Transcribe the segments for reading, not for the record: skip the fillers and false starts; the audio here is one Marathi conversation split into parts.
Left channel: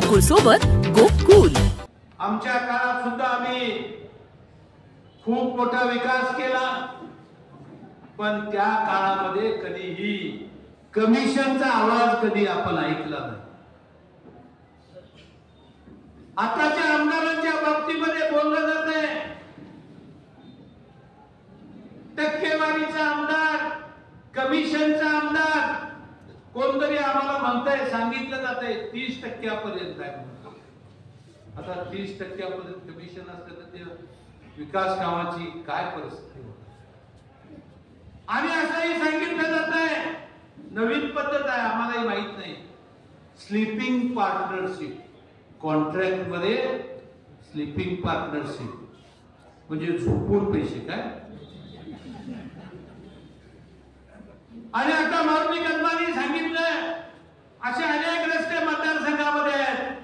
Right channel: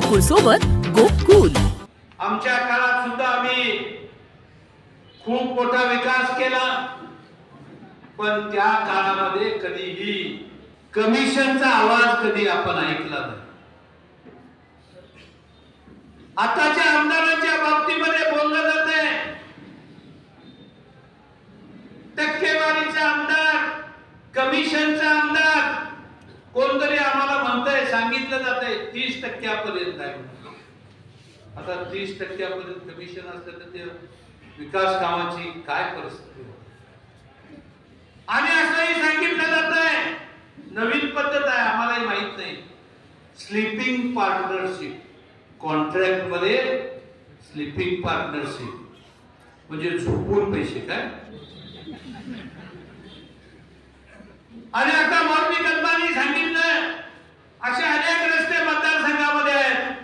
गोकुळ सोबत गोकुल. आमच्या काळात सुद्धा आम्ही खूप मोठा विकास केला, पण त्या काळामध्ये कधीही कमिशनचा आवाज कधी आपण ऐकला नाही. आताच्या आमदारांच्या बाबतीमध्ये बोललं जाते टक्केवारीचा आमदार, कमिशनचा आमदार. कोणतरी आम्हाला म्हणतंय, सांगितलं जातंय 30% आहे. आता 30% कमिशन असतं तर ते विकास कामाची काय परिस्थिती होती. आणि असंही सांगितलं जातंय नवीन पद्धत आहे, आम्हालाही माहित नाही, स्लीपिंग पार्टनरशिप. कॉन्ट्रॅक्ट मध्ये स्लीपिंग पार्टनरशिप म्हणजे झोपून पैसे काय. आणि आता मौर्मी कदमांनी सांगितलं असे अनेक रस्ते मतदारसंघामध्ये आहेत.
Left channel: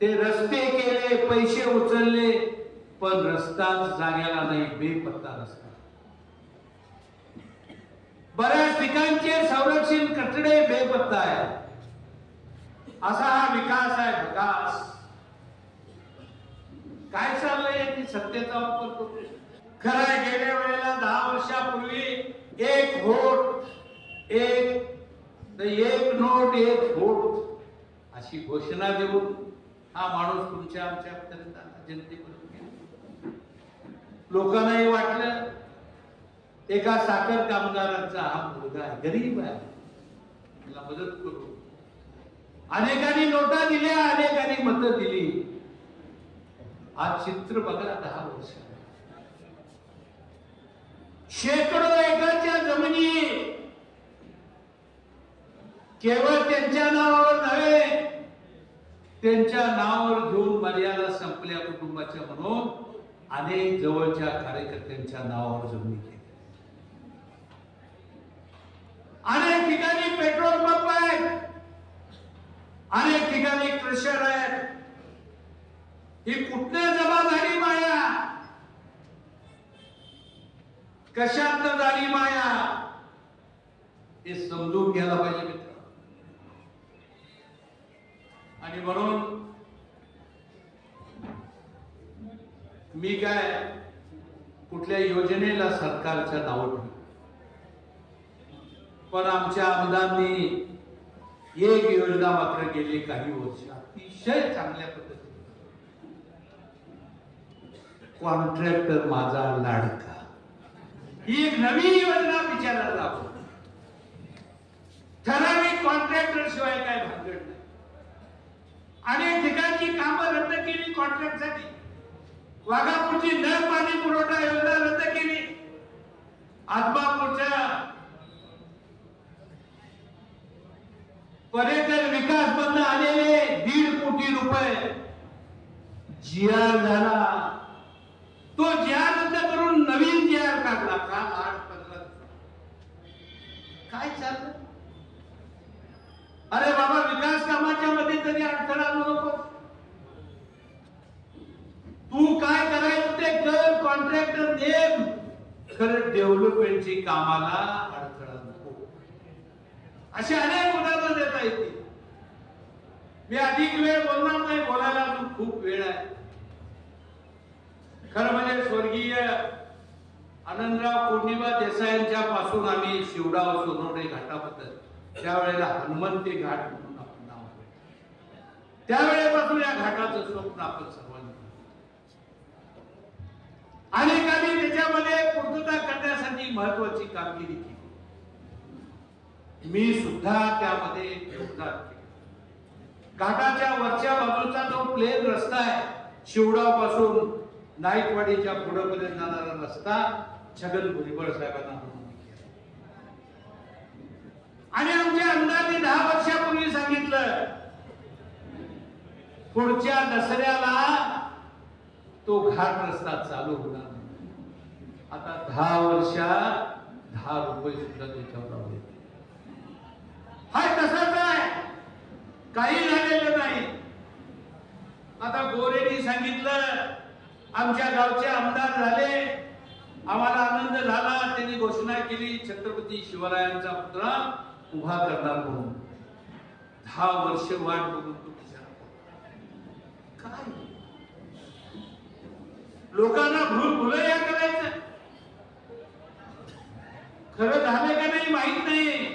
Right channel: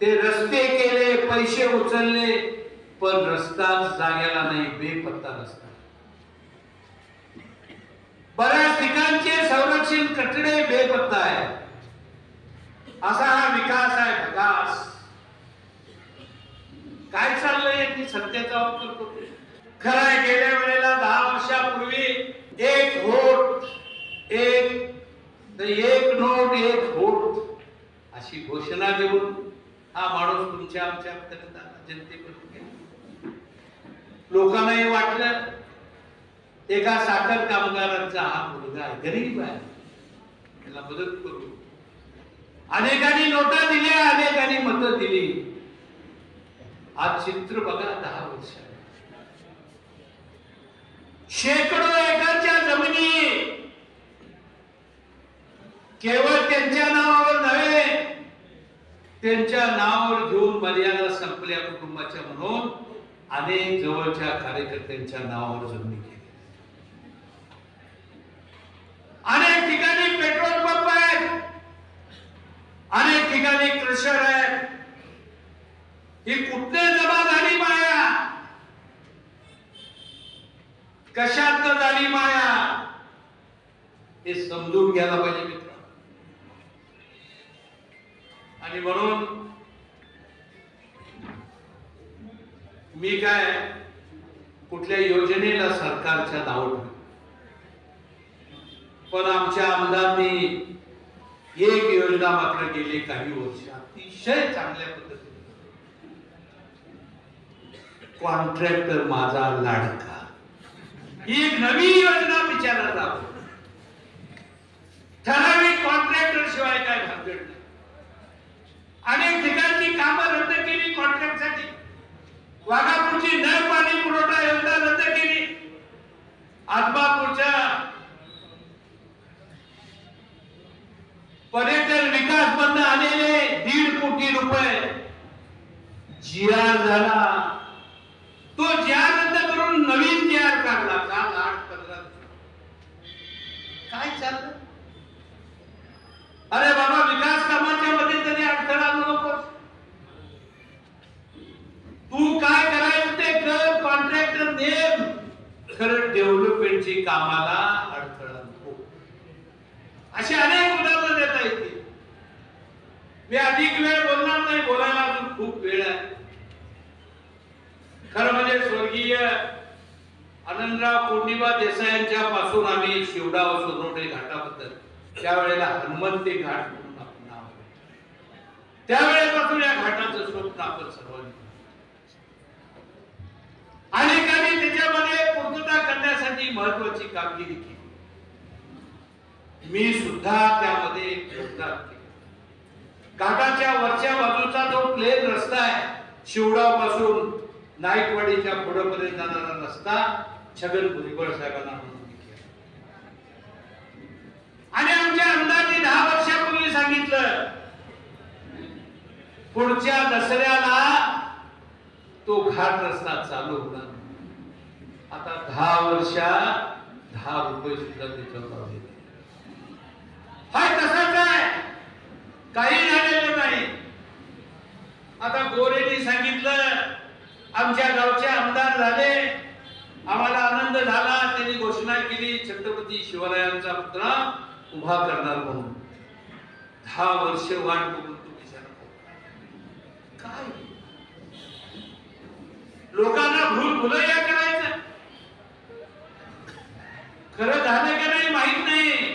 ते रस्ते केले, पैसे उचलले, पण रस्ता जागेला नाही, बेपत्ता रस्ता. बऱ्याच ठिकाणचे संरक्षण कठडे बेपत्ता आहे. असा हा विकास आहे. विकास काय चाललंय की सत्तेचा वापर करतोय. खरं आहे, गेल्या वेळेला 10 वर्षापूर्वी एक वोट एक नोट एक वोट अशी घोषणा देऊन हा माणूस तुमच्या आमच्यापर्यंत जनतेपर्यंत गेला. लोकांनाही वाटलं एका साखर कामगारांचा हा मुलगा गरीब आहे, त्याला मदत करू. अनेकांनी नोटा दिल्या, अनेकांनी मतं दिली. आज चित्र बघा, 10 वर्ष शेकडो एकरच्या जमिनी केवळ त्यांच्या नावावर नव्हे, त्यांच्या नावावर घेऊन मर्यादा संपल्या कुटुंबाच्या म्हणून अनेक जवळच्या कार्यकर्त्यांच्या नावावर जमिनी केली. अनेक ठिकाणी पेट्रोल पंप आहेत, अनेक ठिकाणी क्रशर आहेत. ही कुठे जमा झाली माया, कशात झाली माया, हे समजून घ्यायला पाहिजे मित्र. आणि म्हणून मी काय कुठल्या योजनेला सरकारच्या नाव ठेवतो, पण आमच्या आमदारांनी एक योजना मात्र गेले काही वर्ष अतिशय चांगल्या पद्धतीने, कॉन्ट्रॅक्टर माझा लाडका, ही एक नवी योजना विचारात राहतो. ठराविक कॉन्ट्रॅक्टर शिवाय काय भानगड नाही. अनेक ठिकाणची कामं रद्द केली कॉन्ट्रॅक्टसाठी. वाघापूरची नळ पाणी पुरवठा योजना रद्द केली. आदमापूरच्या पर्यटन विकास बंद आलेले 1.5 कोटी रुपये जीआर झाला. तो जीआर रद्द करून नवीन जीआर काढला. काल 8-15 काय चाललं. अरे बाबा, विकास कामाच्या मध्ये तरी अडथळा नको. तू काय करायचं ते कर, कॉन्ट्रॅक्टर नेम, खरं डेव्हलपमेंटची कामाला अडथळा नको. असे अनेक उदाहरणं देता येतील. मी अधिक वेळ बोलणार नाही, बोलायला अजून खूप वेळ आहे. खरं म्हणजे स्वर्गीय आनंदराव पौर्णिमा देसाईंच्या पासून आम्ही शिवडाव सोनवणे घाटाबद्दल, त्यावेळेला हनुमंती घाट म्हणून आपण नाव, त्यावेळेपासून या घाटाचं स्वप्न आपण सर्वांनी अनेकांनी त्याच्यामध्ये पूर्तता करण्यासाठी महत्वाची कामगिरी केली. मी सुद्धा त्यामध्ये योगदान केले. घाटाच्या वरच्या बाजूचा जो प्लेन रस्ता आहे, शिवडाव पासून नाईकवाडीच्या पुढेपर्यंत जाणारा रस्ता छगन भुजबळ साहेबांना मंजूर केला. आणि आमच्या आमदारांनी 10 वर्षापूर्वी सांगितलं पुढच्या दसऱ्याला तो घाट रस्ता चालू होणार. आता 10 वर्षात 10 रुपये सुद्धा त्याच्यावर आले. हाय तसंच आहे, काही झालेलं नाही. आता गोरेंनी सांगितलं आमच्या गावचे आमदार झाले, आम्हाला आनंद झाला. त्यांनी घोषणा केली छत्रपती शिवरायांचा पुतळा उभा करणार म्हणून. 10 वर्ष वाट बघून तुम्ही लोकांना भुलभुलैया करायचं. खरं झालं का नाही माहित नाही.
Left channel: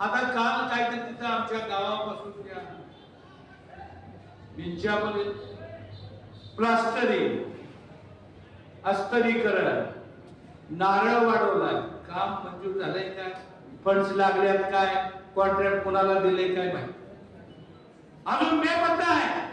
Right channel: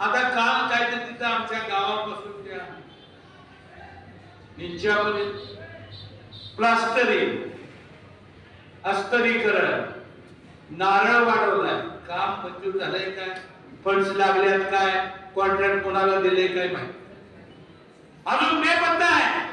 आता काल काय तर तिथं आमच्या गावापासून त्या इंच्यापर्यंत प्लास्टरिंग, अस्तरीकरण, नारळ वाढवलाय. काम मंजूर झालंय काय, फंड्स लागल्यात काय, कॉन्ट्रॅक्ट कोणाला दिले काय माहिती. अजून बेपत्ता आहे.